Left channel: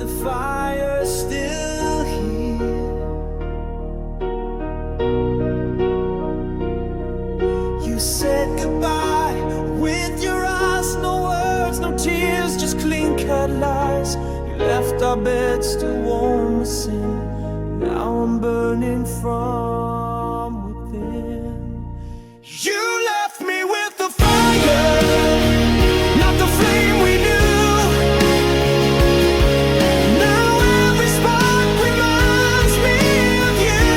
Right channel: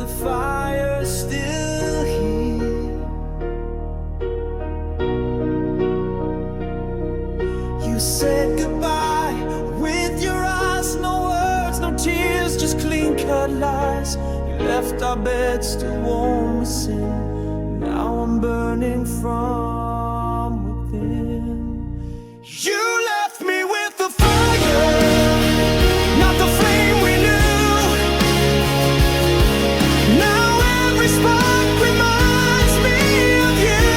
the fire still here. You said goodbye with your eyes, no words, no tears, just clean-cut lies. You left our bed still warm with sin. Now I'm burning from within. You left me with the fire, not the flame we knew. Now every spark reminds me of you.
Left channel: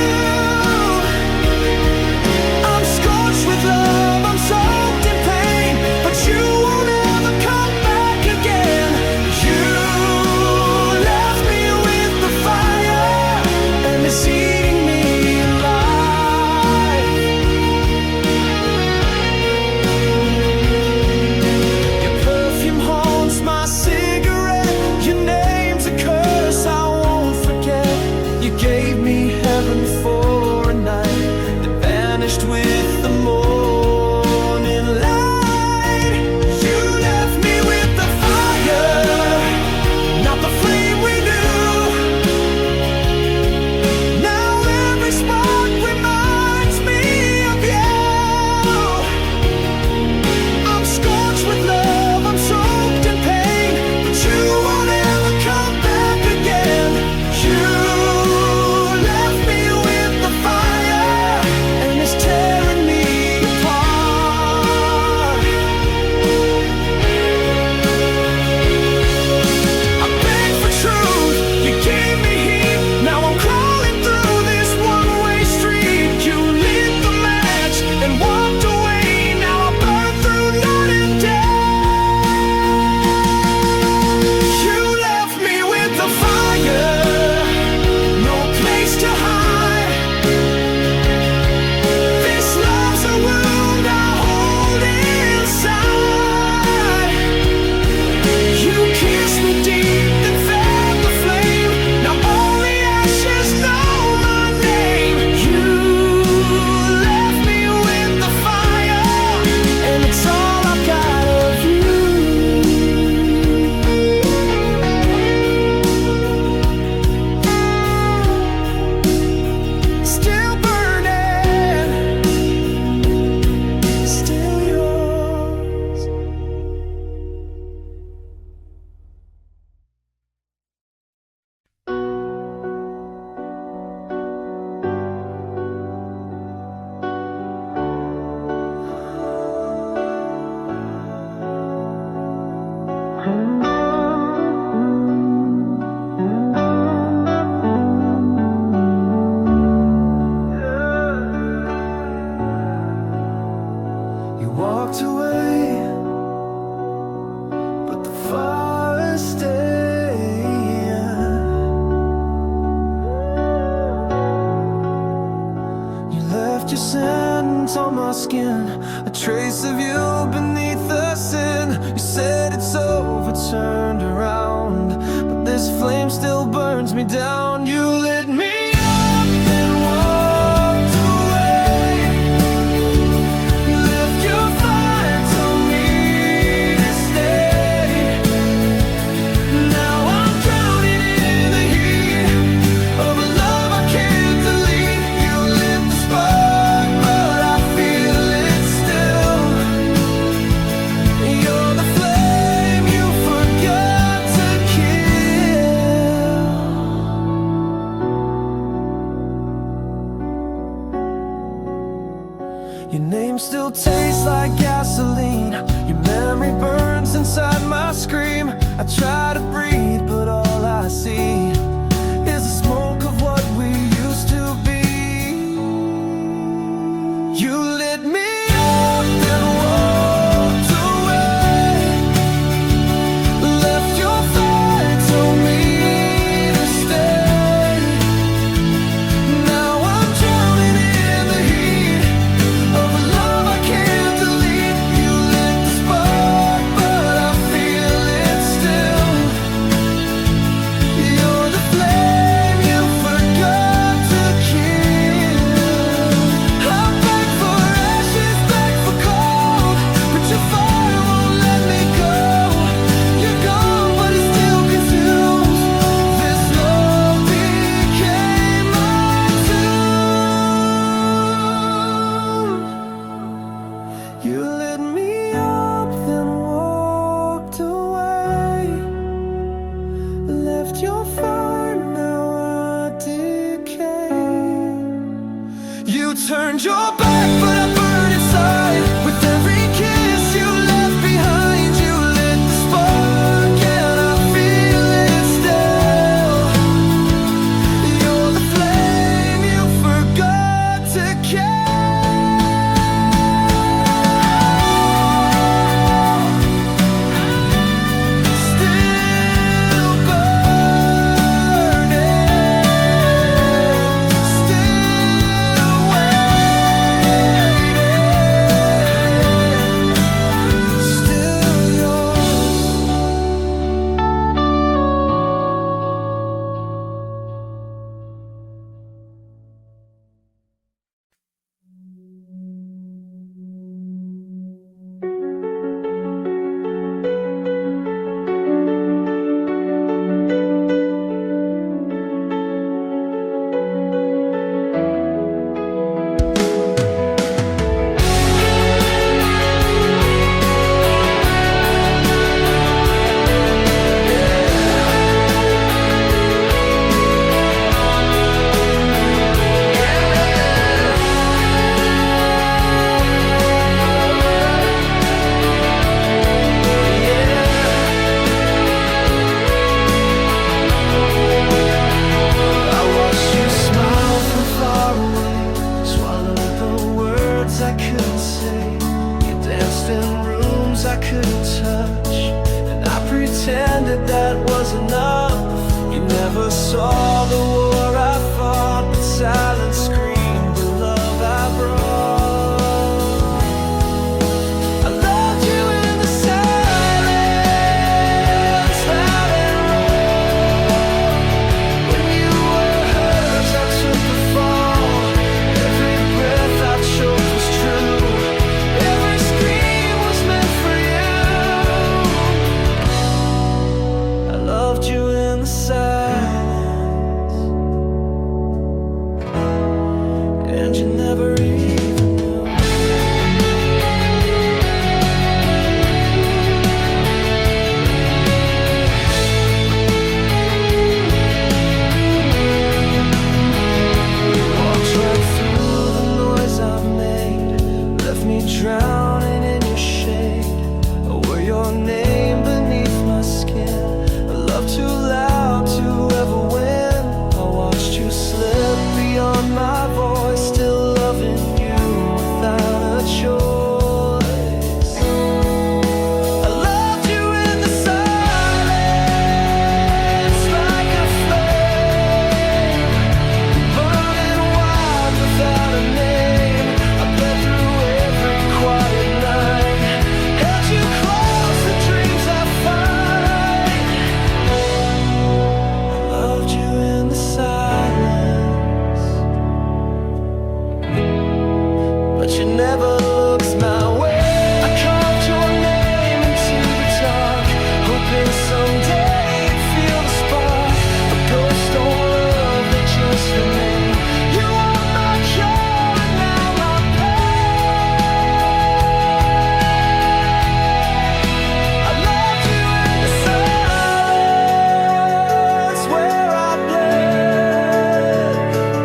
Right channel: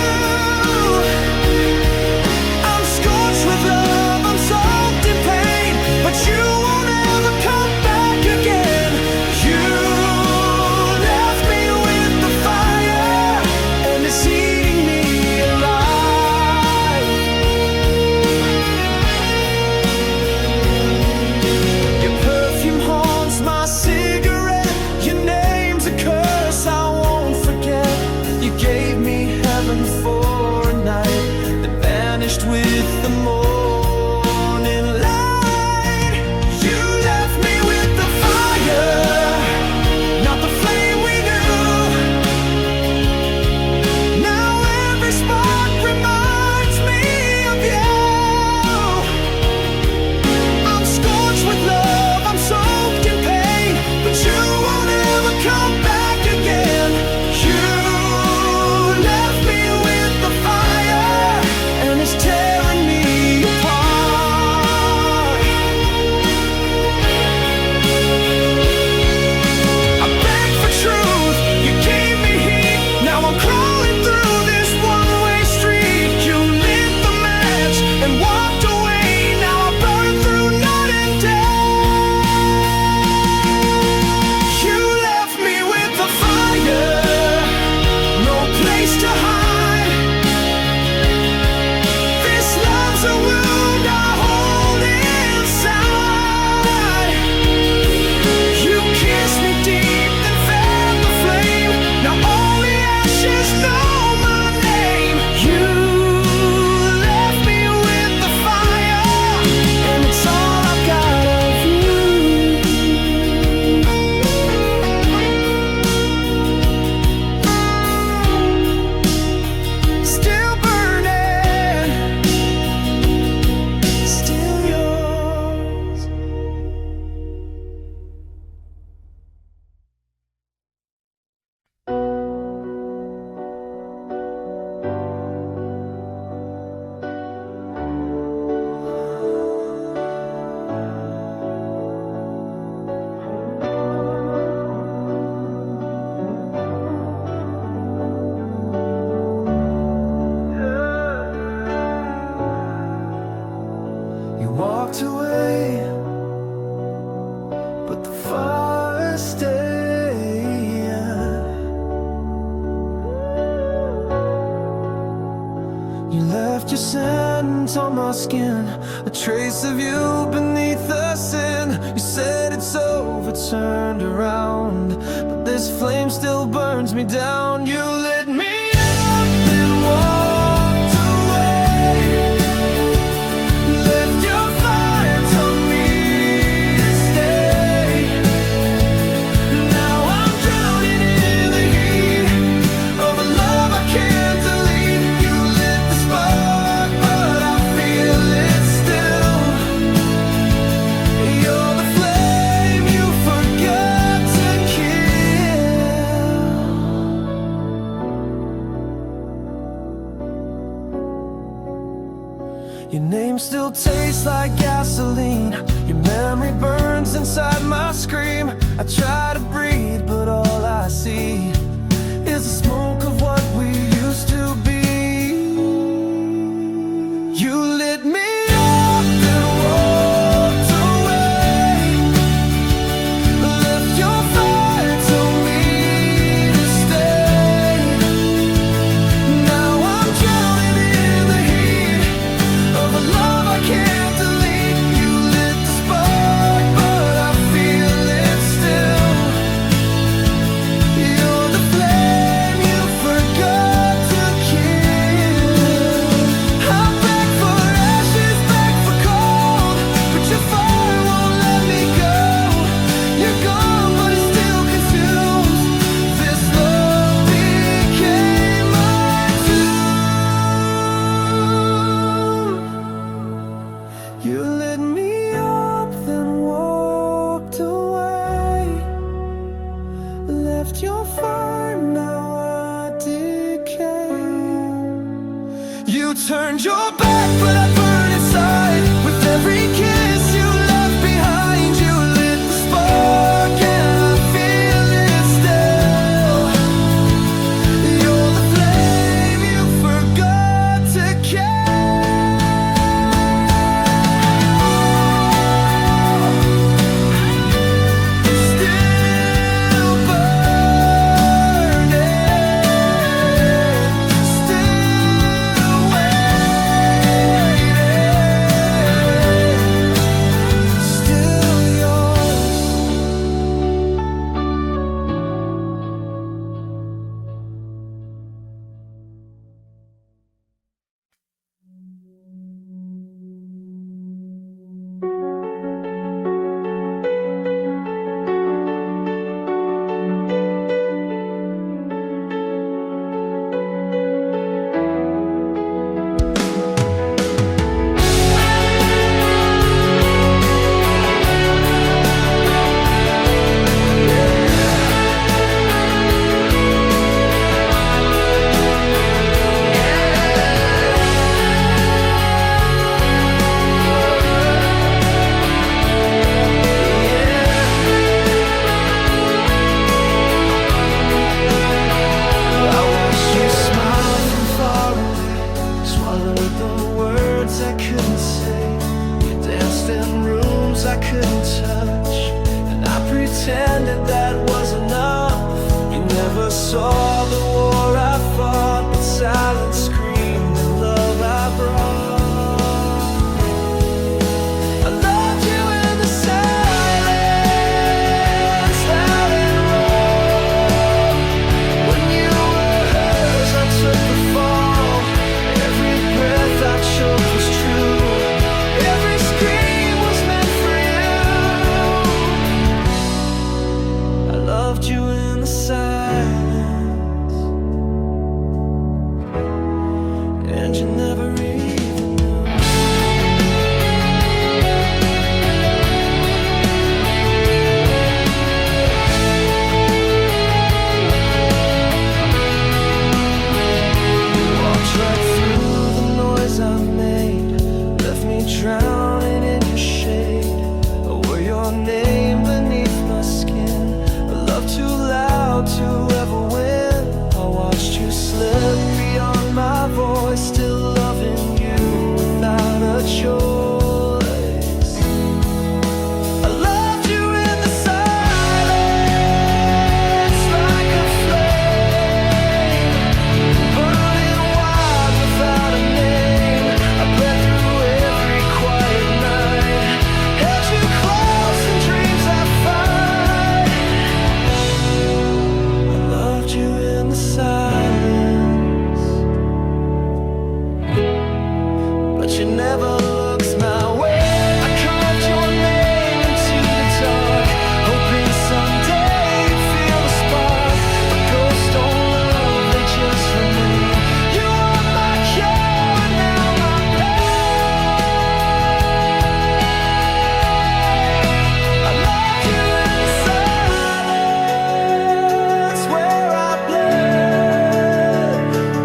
I'm scorched with love, I'm soaked in pain, but you won't ever come back again. You left me with the fire, and it's eating me alive. Your perfume haunts my cigarette, your name's a curse I won't forget. You gave me heaven for a night that vanished with the morning light. You left me with the fire, not the flame we knew. Now every spark reminds me of you. I'm scorched with love, I'm soaked in pain, but you won't ever come back again. You left me with the fire, and it's tearing me apart. I begged for truth, you gave me heat. Now I'm crawling through this one-way street. You lit the match and walked away. Now I burn through night and day. You left me with the fire, no place to hide. This love's a wound I hold inside. You kissed me deep, then fed the flame. Now only ashes know my name. You left me with the fire, and it's all I've got of you. Still burning, still yours. You walked away, but the fire stayed. You left your scent on my skin, a trace of you beneath the sin. You said it's over, turned around, but this flame still burns me down. You lit me up, then walked away. Left your fire, told me to stay. Now I'm drowning in the heat of a love I can't delete. You lit the spark, but I feel it still. You're the flame you forgot to kill. Your name still tastes like gasoline. Your memory burns inside my scream. I try to breathe, but all I see is the smoke of what we used to be. You lit me up, then walked away. Left your fire, told me to stay. Now I'm drowning in the heat of a love I can't delete. You lit the spark, but I feel it still. You're the flame you You turned your back, but I burn inside. With every kiss you left behind, you lit the spark, and I feel it still. You're the flame you forgot to kill. I couldn't say. You danced in rooms I couldn't touch, and I pretended that was enough. You never saw the war I fought, but silence screamed the love I brought. I loved you in the silence, loud and raw. When you were hers, I took the fall. Every breath I choked was true. Every scream was meant for you. I loved you in the silence, and you never even knew. You walked right through the noise I made, left me drowning in your shade. I wore your name beneath my skin, a love too loud to ever win. I watched you slip beyond my voice, still loving you without a choice. I loved you in the silence, like a flame, burning wild without a name. I bled through every quiet night, held you close in dreams I fight. I loved you in the silence, but you never looked my way. I carved your name into the dark, hoping someday you'd feel the spark. But ghosts don't love, they just remain. You are my cure and now my pain. I loved you in the silence, where I bled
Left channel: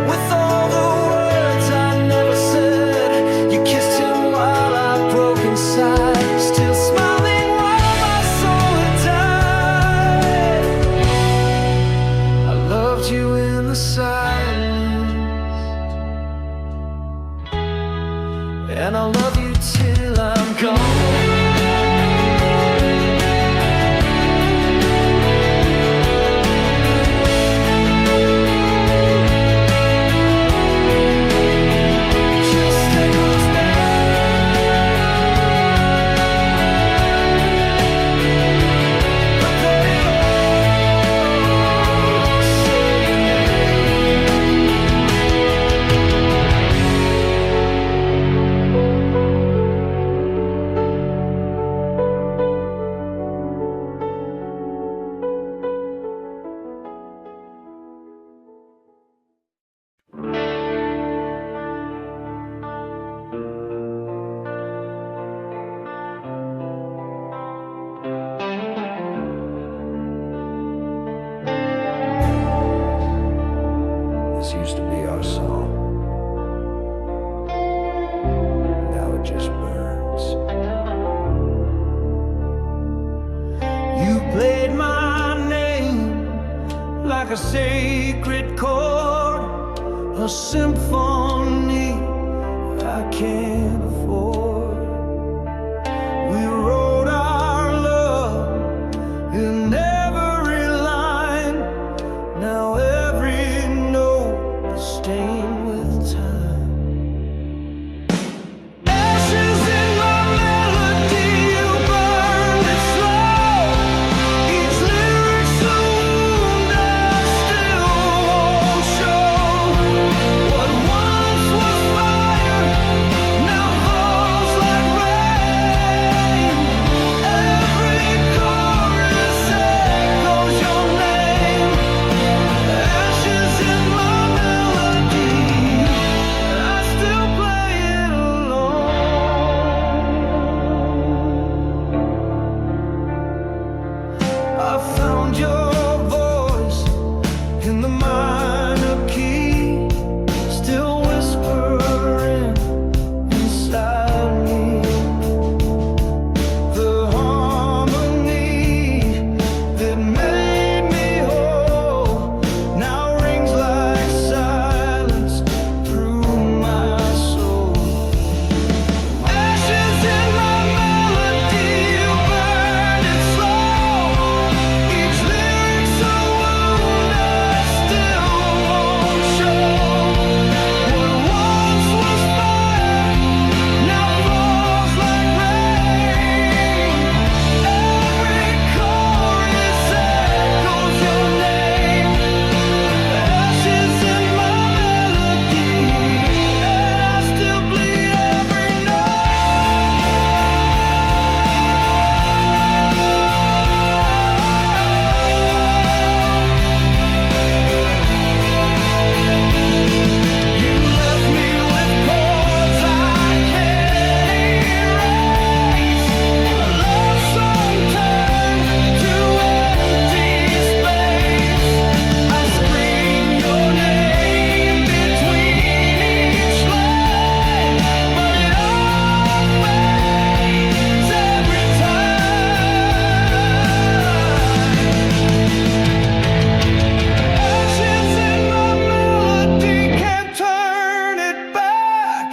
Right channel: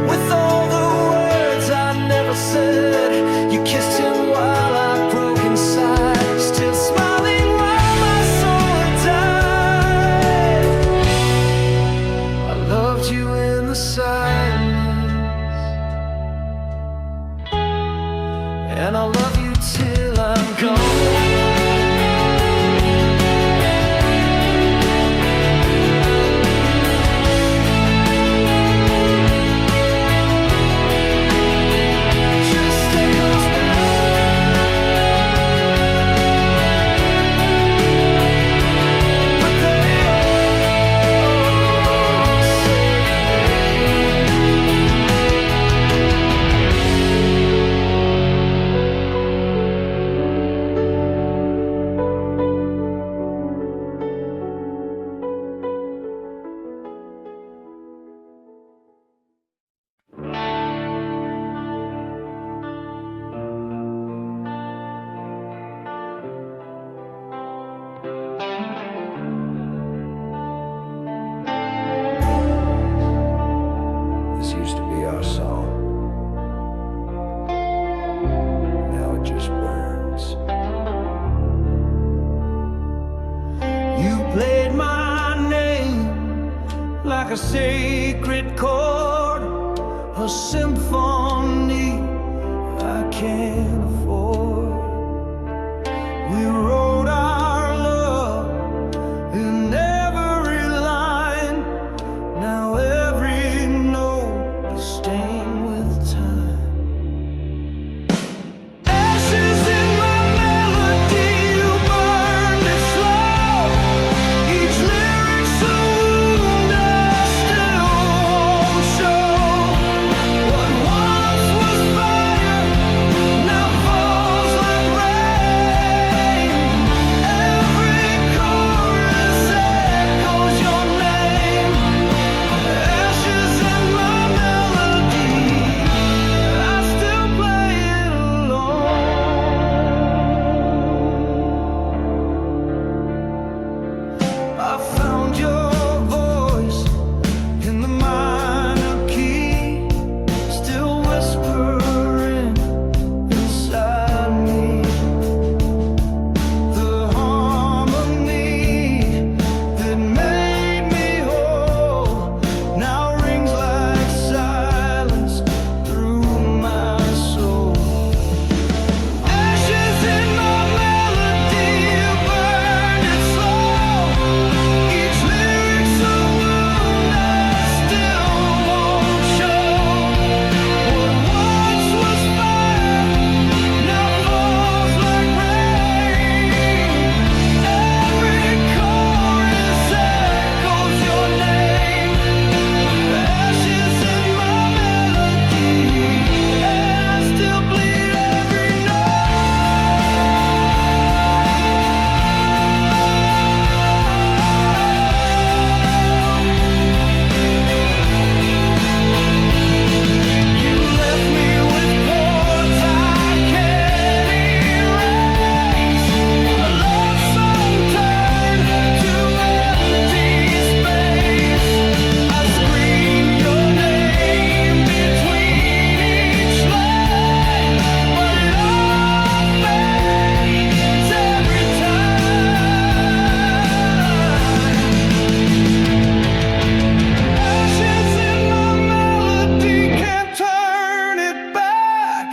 with all the words I never said. You kissed him while I broke inside, still smiling while my soul had died. I loved you in the silence, and I'll love you till I'm gone. played my name like a sacred chord, a symphony I can't afford. We wrote our love in every line. Now every note is stained with time. Ashes in my melody, you burned it slow. Each lyric's a wound I still won't show. What once was fire now falls like rain. Every chorus echoes your name. Ashes in my melody, I still play it alone. I found your voice in the minor key, still whispering inside me. The harmony that made me whole now rings like silence through my soul. Ashes in my melody, you burned it slow. Each lyric's a wound I still won't show. What once was fire now falls like rain. Every chorus echoes your name. Ashes in my melody, and I still bleed every You left me with chords I can't erase. A love song turned to empty space. I scream your name between each line, but it all fades every time. Ashes in my melody, can't turn it back.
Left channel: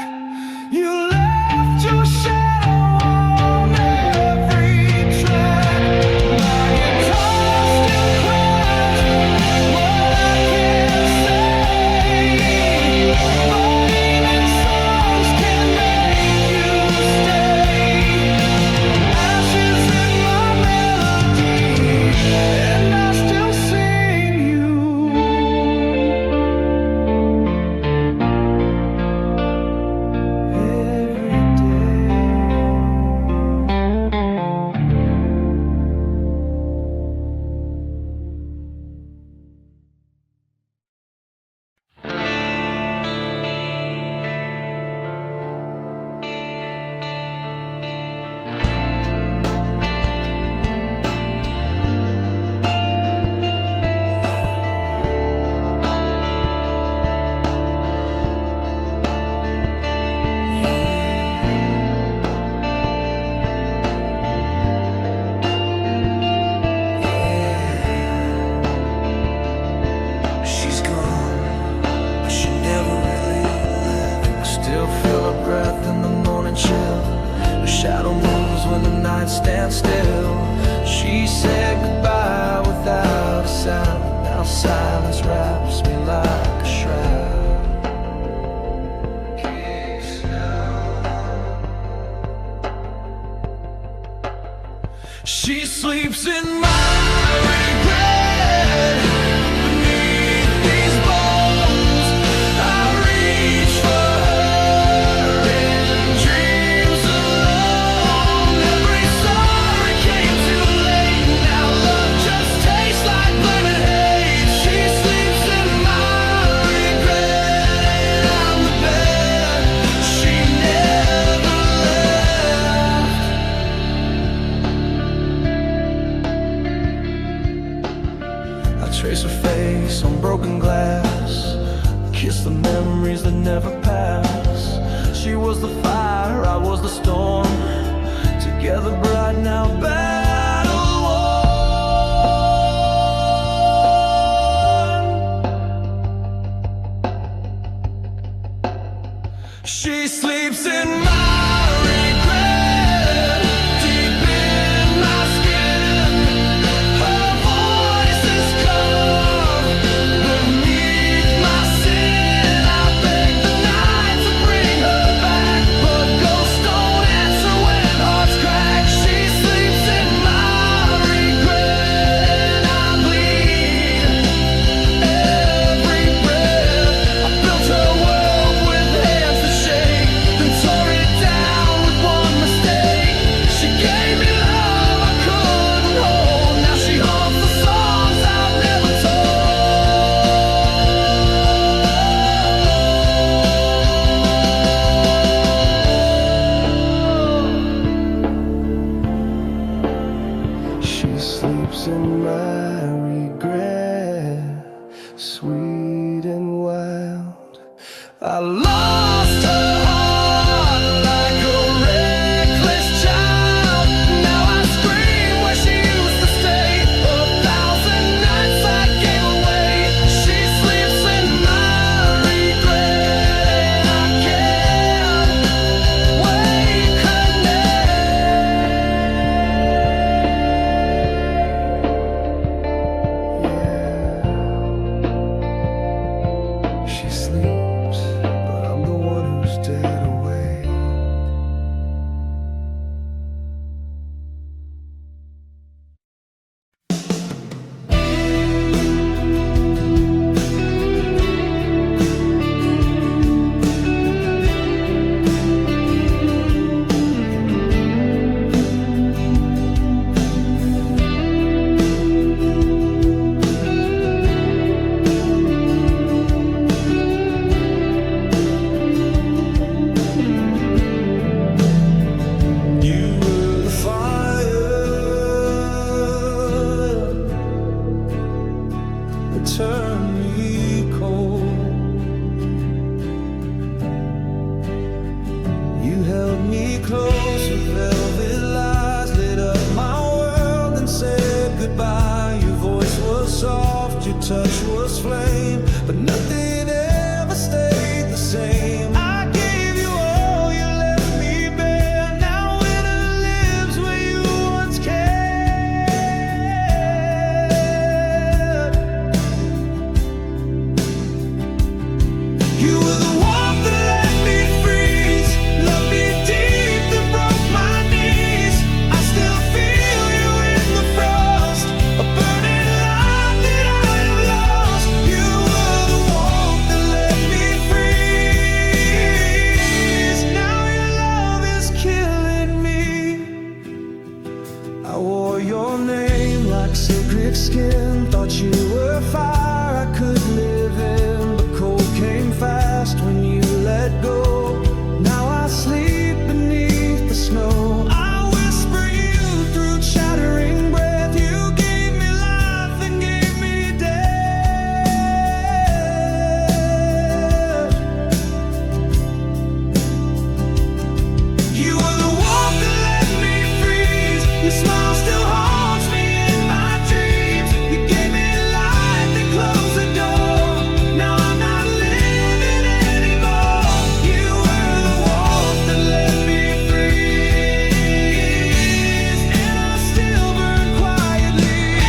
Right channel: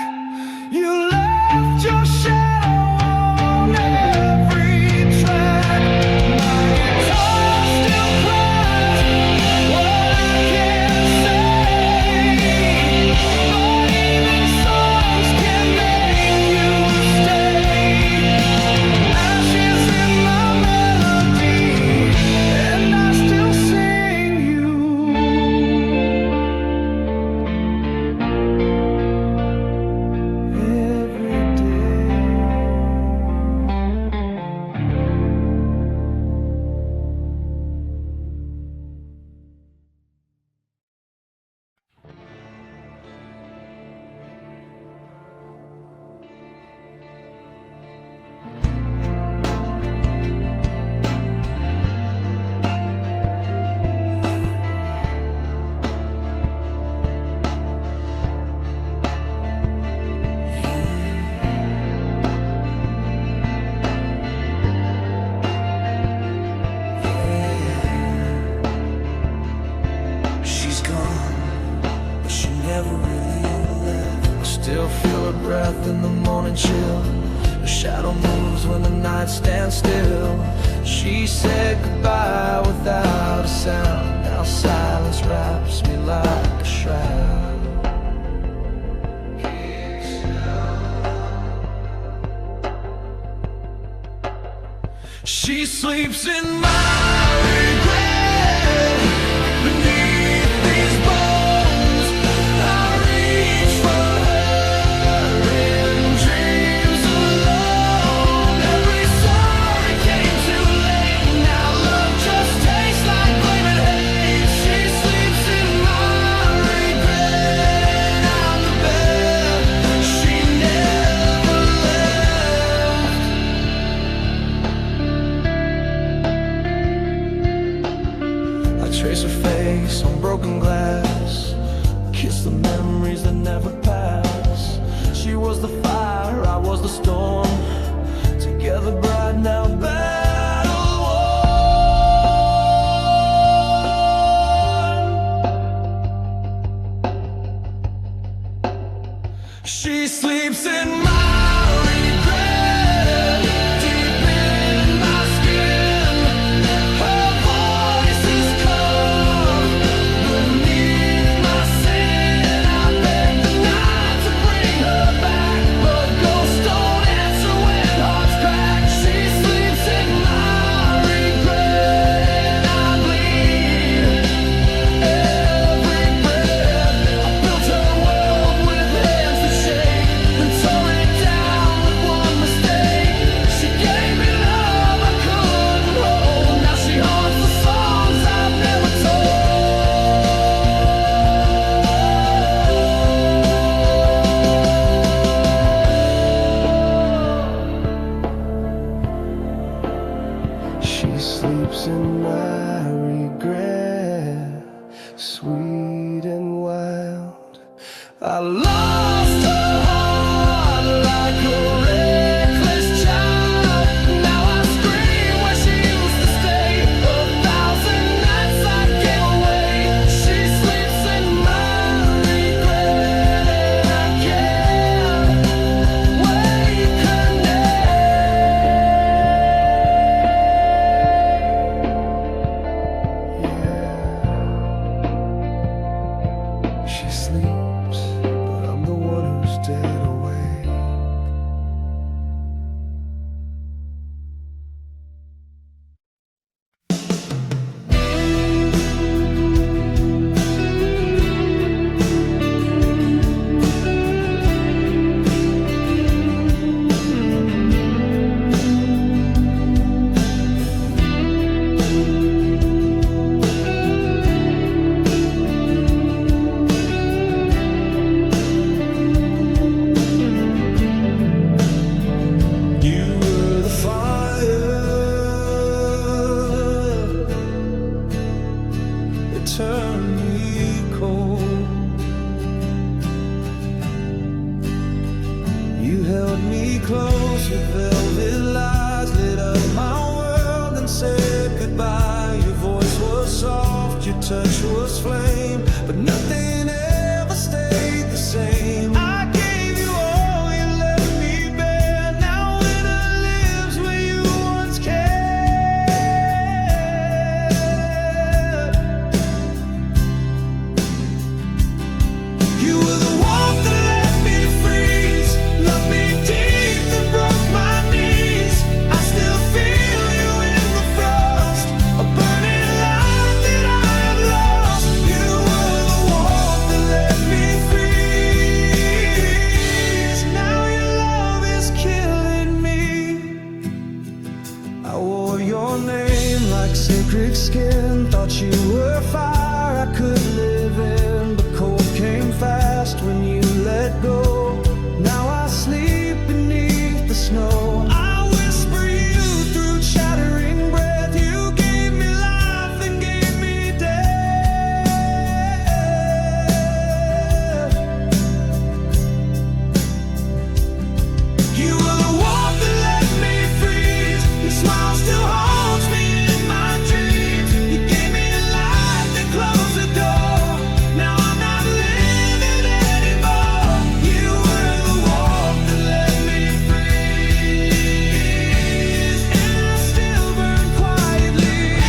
You left your shadow on every track. My guitar still cries what I can't say, but even songs can make you stay. Ashes in my melody, and I still sing you every day. She's gone, but she never really left. I still feel her breath in the morning chill. Her shadow moves when the night stands still. She said goodbye without a sound. Now silence wraps me like a shroud. She sleeps in my regret. Beneath these bones, I reach for her in dreams alone. Every sorry came too late. Now love just tastes like blame and hate. She sleeps in my regret, and I'm the bed she never left. I trace her face on broken glass, kiss the memories that never pass. She was the fire, I was the storm, together bright now battle worn. She sleeps in my regret, deep in my skin. Her voice is calm beneath my sin. I beg the night to bring her back, but ghosts don't answer when hearts crack. She sleeps in my regret, and I bleed every breath. I built her world with hands that shake, then tore it down with one mistake. She gave me love I couldn't hold. Now she haunts the songs I've never told. She sleeps in my regret, sweet and wild. I lost her heart like a reckless child. Now I scream where she used to stay. 1,000 nights I gave away. She sleeps in my regret, and I can't wake her name. Yeah, she sleeps, but I'm the one who's dead away. You were the fire that turned me cold. You held me close with velvet lies, lit up my world and said goodbye. Your voice was soft, your touch was flame, but nothing ever stayed the same. I gave you all, you left me bare. Now winter lives where you once cared. You were the warmth that let me freeze, loved me deep then broke my knees. I still feel you in the frost, a burning light that I have lost. You were the warmth that let me freeze. Now your love is killing me. I wore your name like sacred skin, thought you were fire I could live in, but cold came fast when you let go. Now I sleep beneath the snow. I whisper you through chattering breath. You gave me life and gave me death. You were the warmth that let me freeze. Your smile still haunts me in my dreams. You gave me light, then closed the door. Now I'm not living anymore. You were the warmth that let me freeze, and I still burn quietly.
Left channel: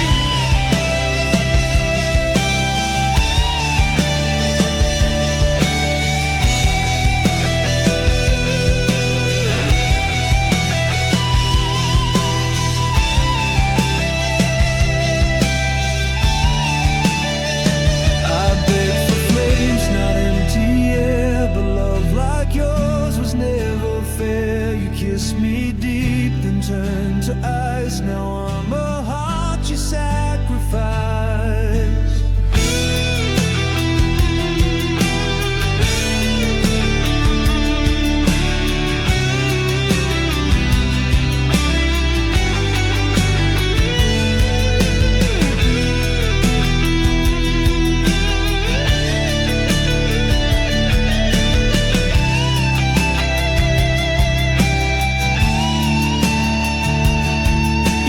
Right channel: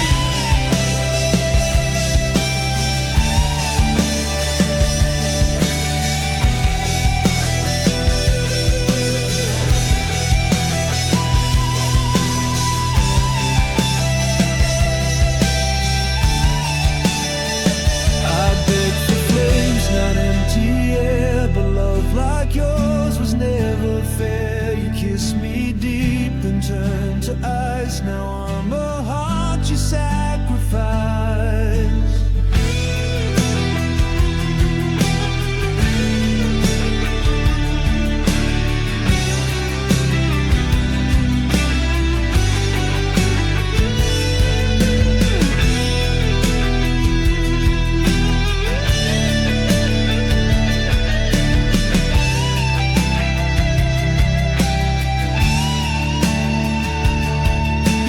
I begged for flames, not empty air, but love like yours was never fair. You kissed me deep, then turned to ice. Now I'm a heart you sacrificed.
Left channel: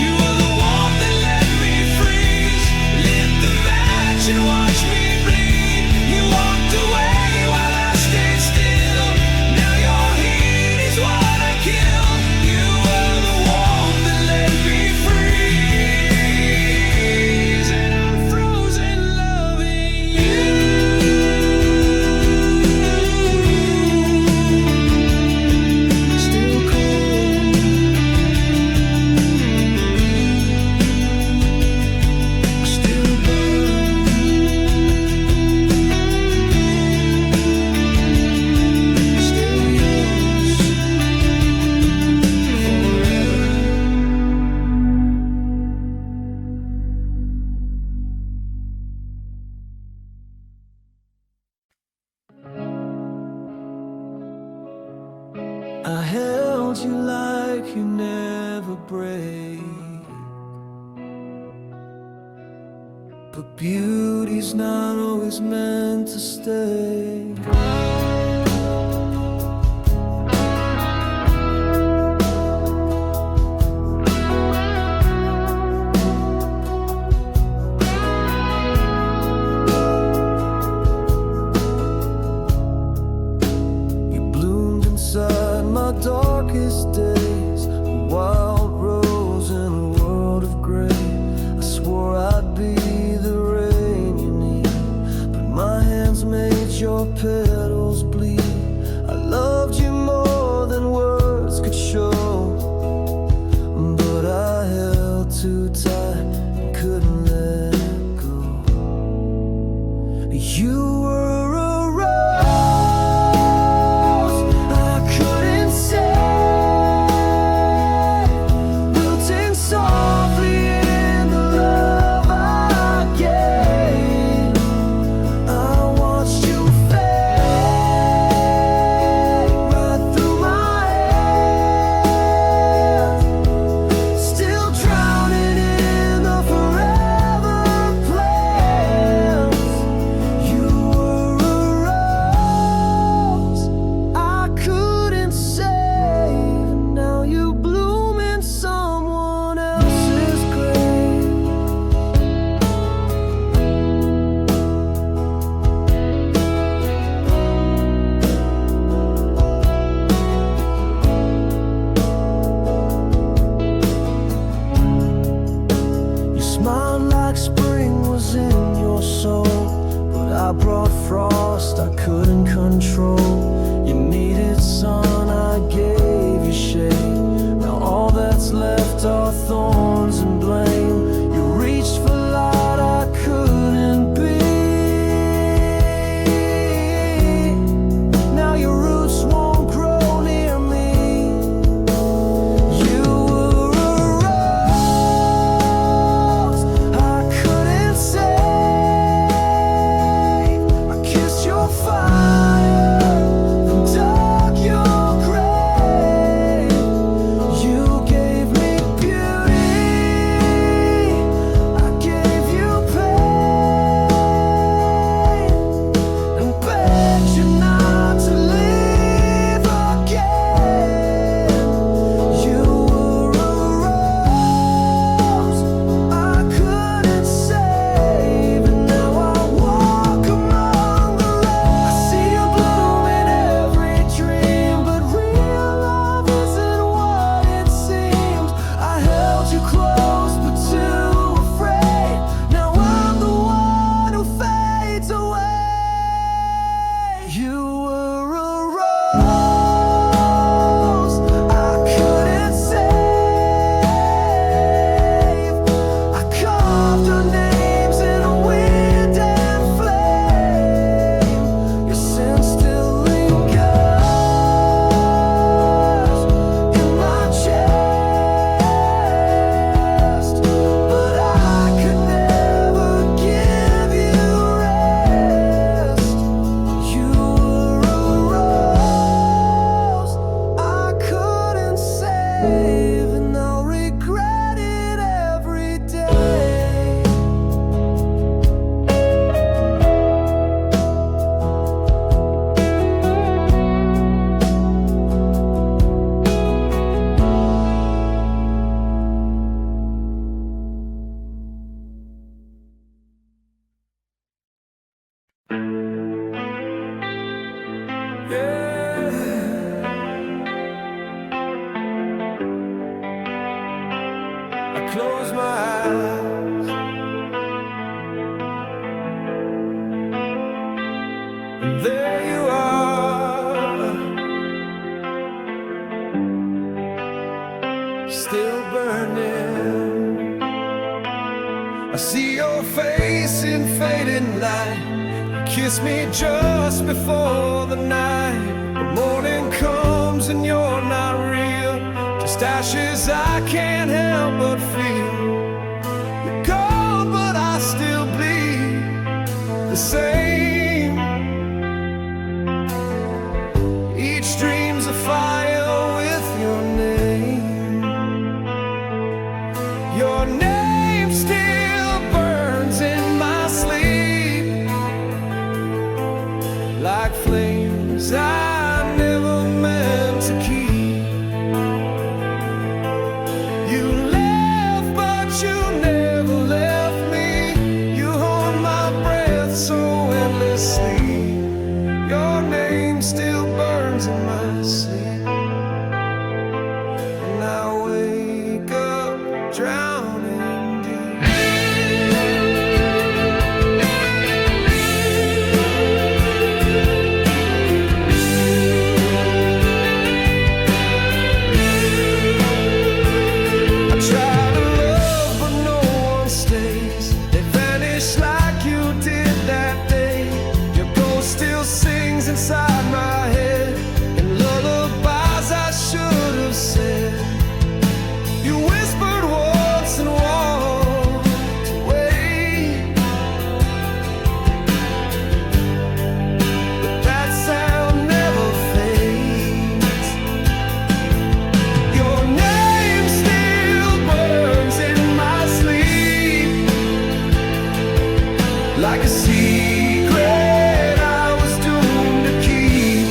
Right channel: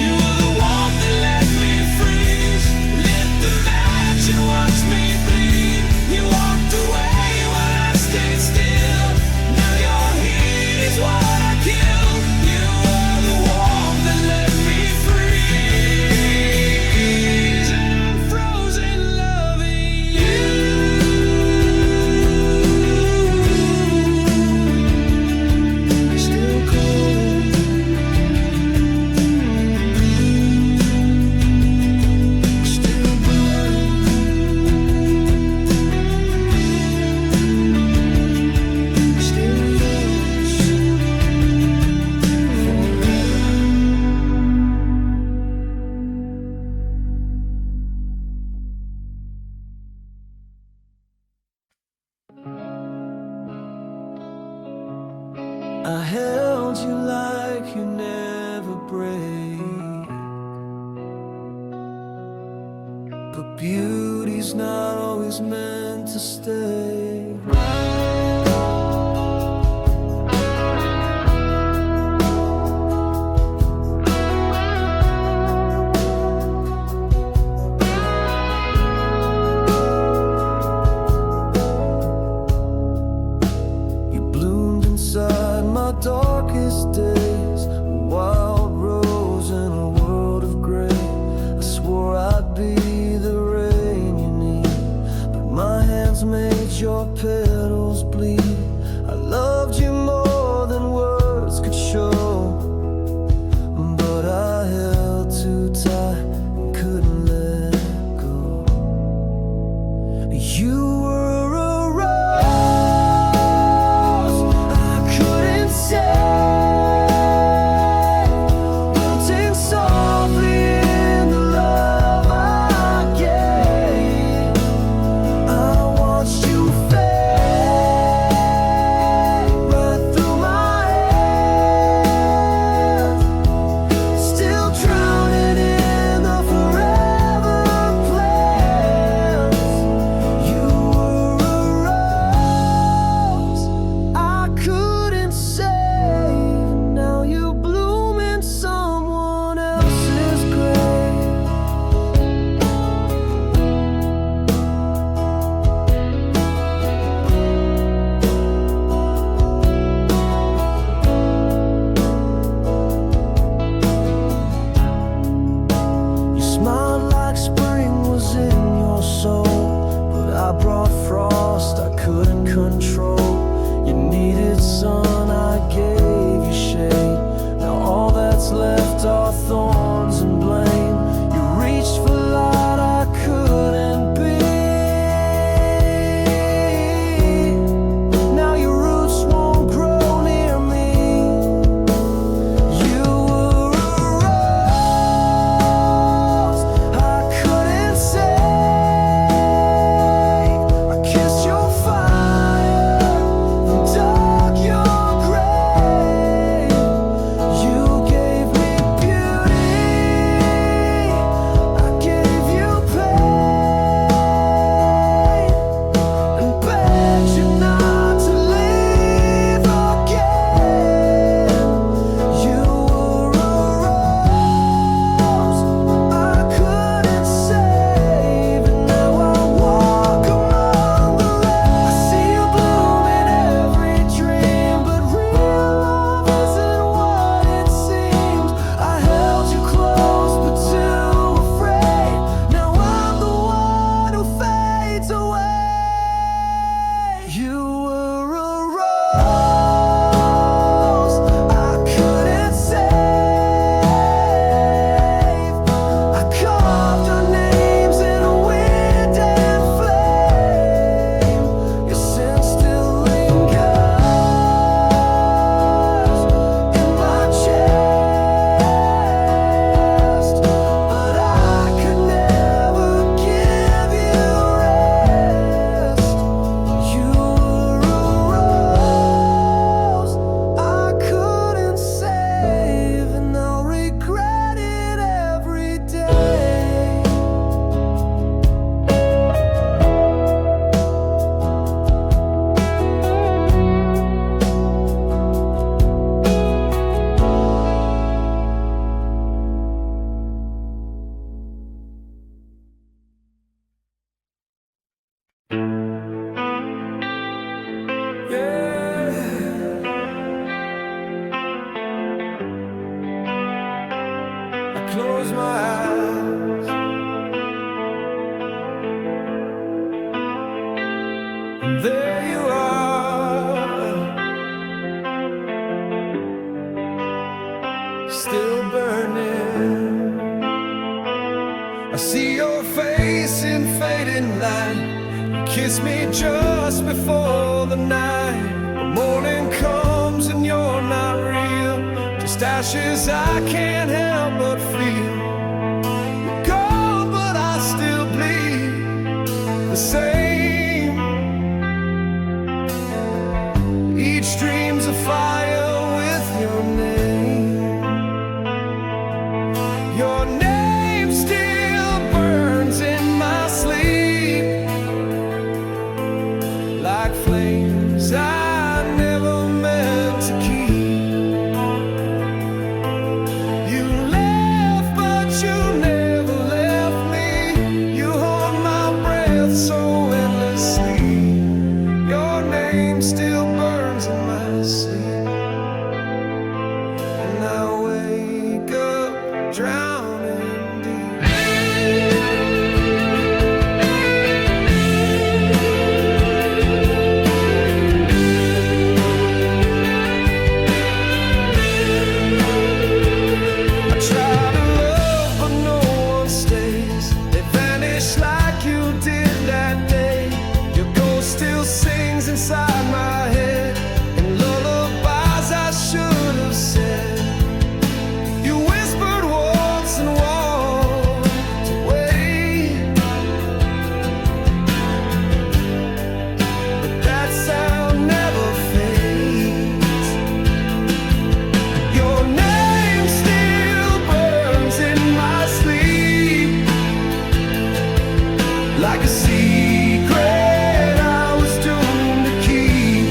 You were the warmth that let me free. but beauty's not always meant to stay. Inside my darkest days, a wild rose in a world of gray. I swore I'd be the rain you need, but my hands made your petals bleed. I loved you more than words could show, but I held too tight and couldn't let go. You were a I brought frost I couldn't control. You needed sun, I gave you shade. Now all that's left are thorns and blame. You reached for light I couldn't be. Now your roots won't grow near me. You were a rose I couldn't save. I close my eyes and there you are, still burning. I see your face in fading light. You kiss me just before the night. The morning comes and you're not real, just ashes I can't help but feel. You're gone but I still bleed the same. Each dream's a fire with your name. Your name still burns in my like flames I never meant to keep. You left, but you never left me. You hold my breath so endlessly. Your name still burns in my sleep, and I wake up drowning deep. I try to love, but no one stays. They vanish like you did that day. Your ghost still sings inside my head, and lullabies I should have said. You whispered once and walked away, but that sound never fades. Your name still burns in my sleep, like a secret I was doomed to keep.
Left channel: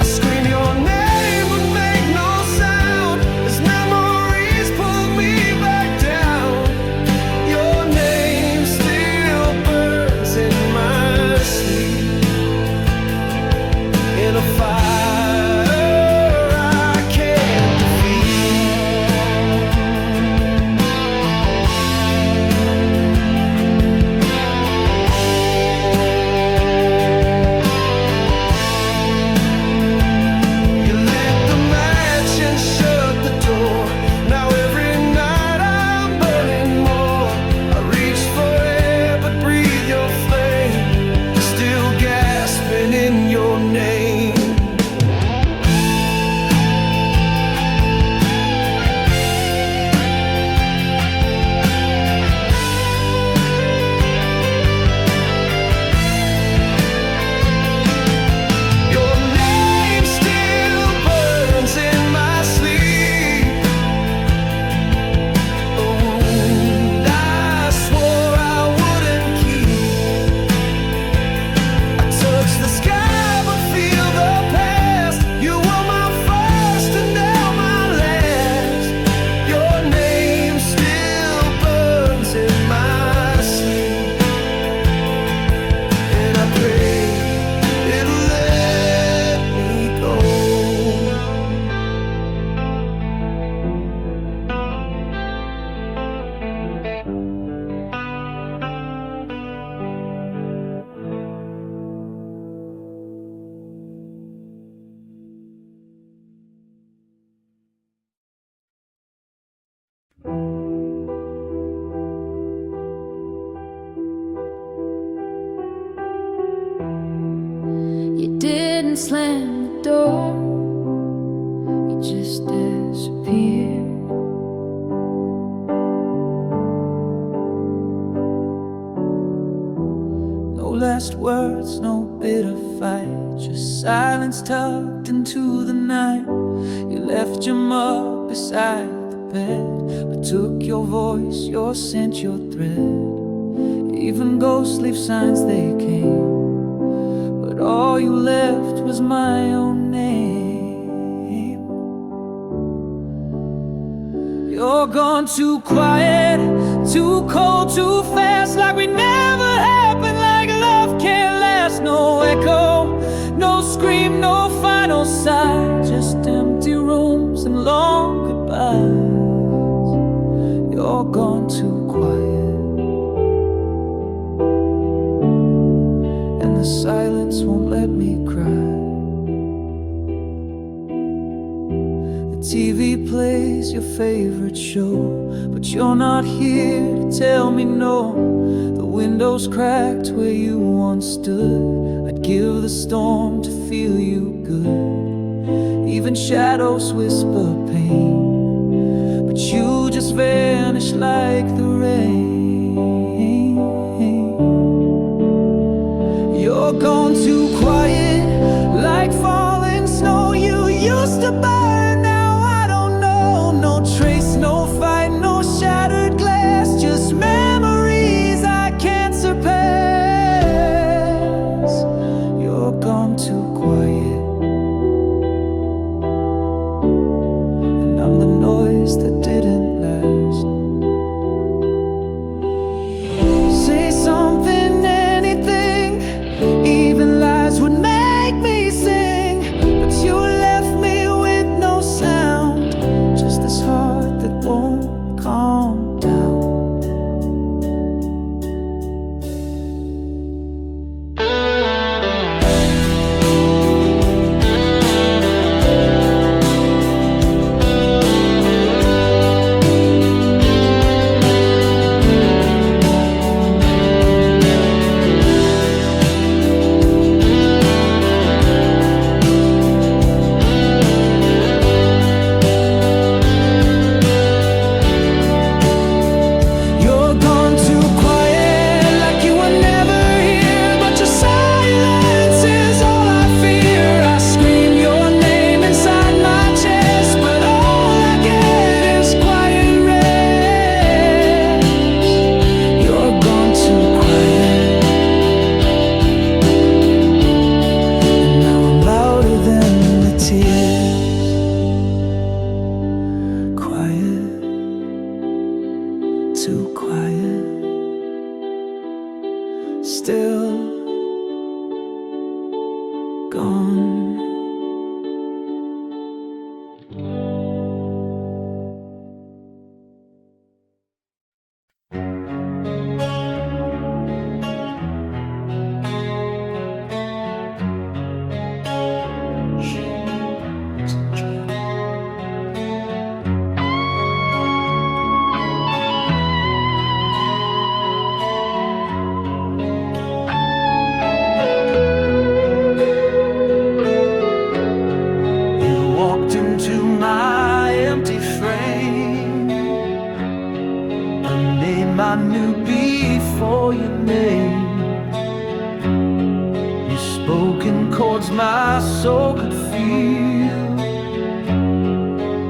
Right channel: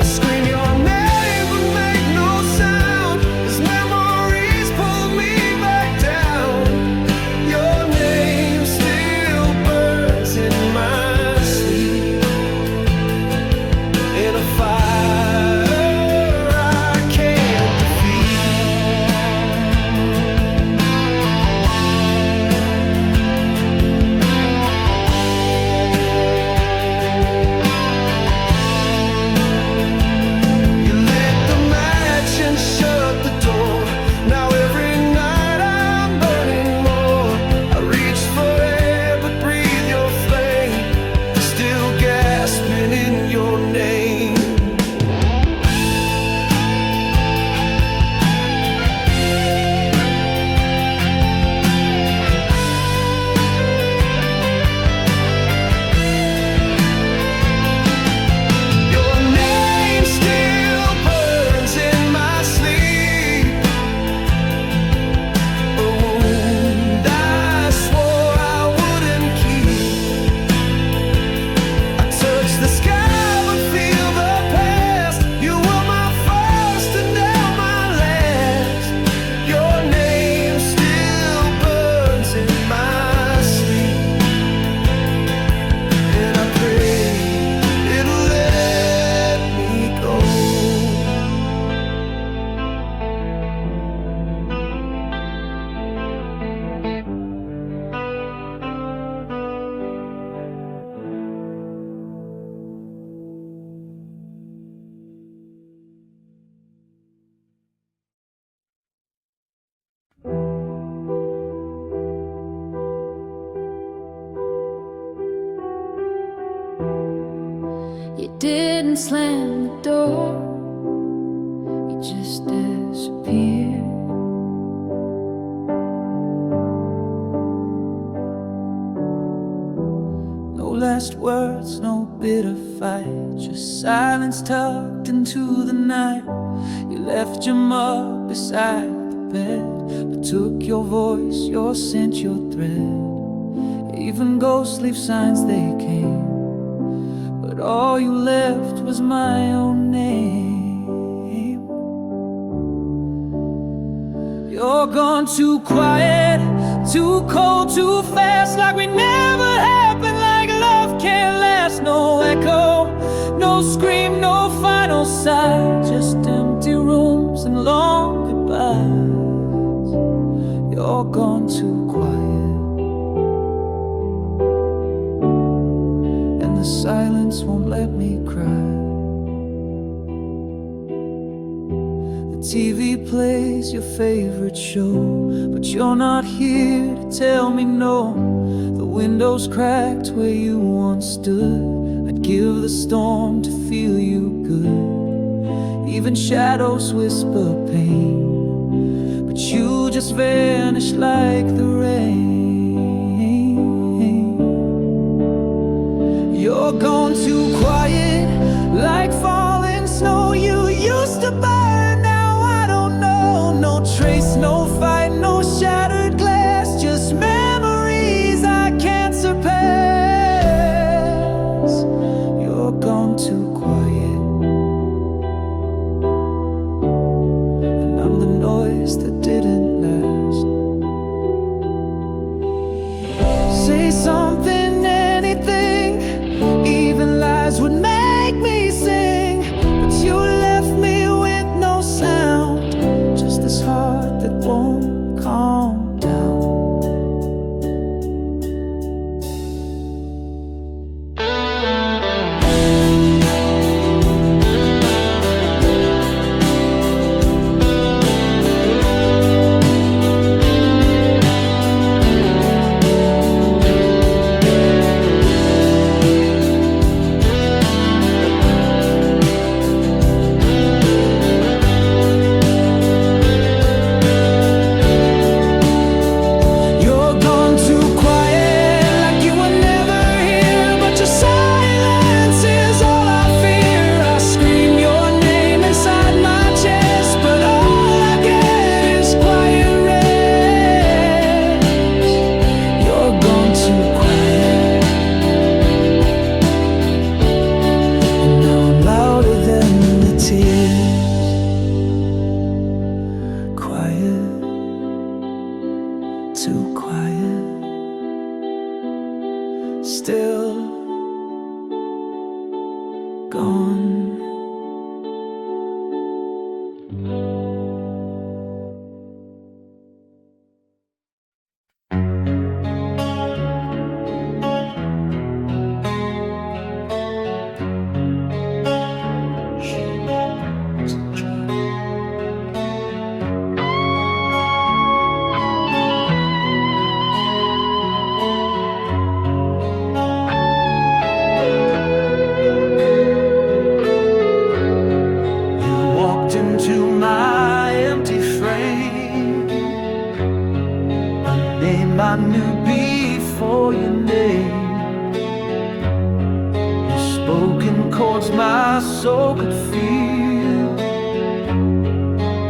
I scream your name but make no sound, as memories pull me back down. Your name still burns in my sleep, in a fire I can't defeat. You lit the match and shut the door. Now every night I'm burning more. I reach for air but breathe your flame, still gasping in your name. Your name still burns in my sleep, a wound I swore I wouldn't keep. I touch the sky but feel the past. You were my first and now my last. Your name still burns in my sleep, and I pray it'll let me go. You didn't slam the door, you just disappeared. No last words, no bitter fight, just silence tucked into the night. You left your mug beside the bed, but took your voice, your scent, your thread. Even ghosts leave signs they came, but all you left was my own name. You're gone too quiet, too cold, too fast, like we never happened, like love can't last. No echo, no scream, no final sigh, just empty rooms and long goodbyes. You're gone too quiet, and the silence won't let me cry. The TV plays your favorite show, but you're not here to tell me no. The window's cracked where you once stood. I'd give the storm to feel you good. Even shadows whisper pain, but you just vanish like the rain. You're gone too quiet, like falling snow. You used to burn, now I don't know. No trace, no fight, no shattered glass, just memories I can't surpass. say something, anything, even lies would make me sing. But you left me with no sound, just this heart that won't calm down. Too quiet, still gone. Into my empty frame, a name I knew before your name. You spoke in chords my soul could feel,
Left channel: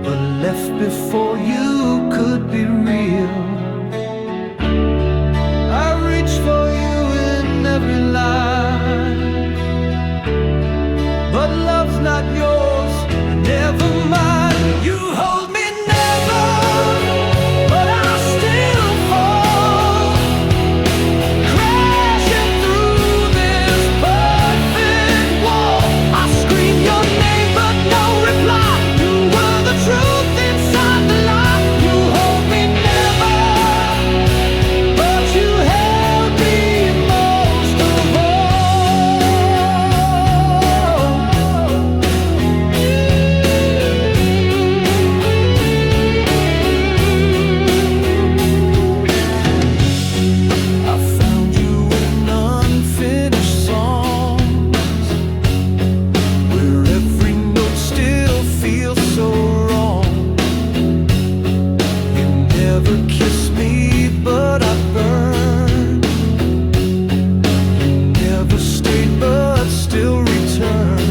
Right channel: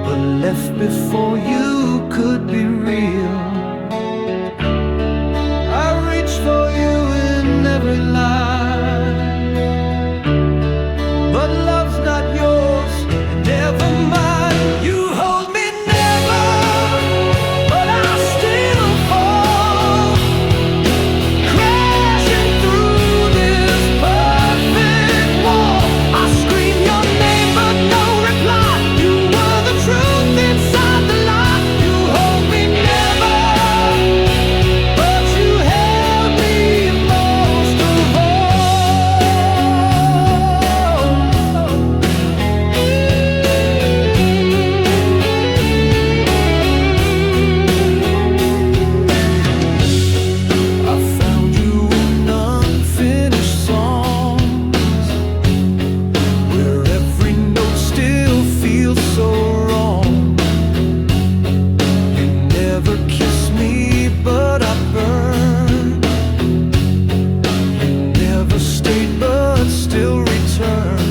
but left before you could be real. I reach for you in every line, but love's not yours. Never mind, you hold me never, but I'll still fall, crashing through this perfect wall. I scream your name, but no reply. You were the truth inside the lie. You hold me never, but you held me most of all. So wrong. You never kissed me, but I burned. You never stayed, but still returned.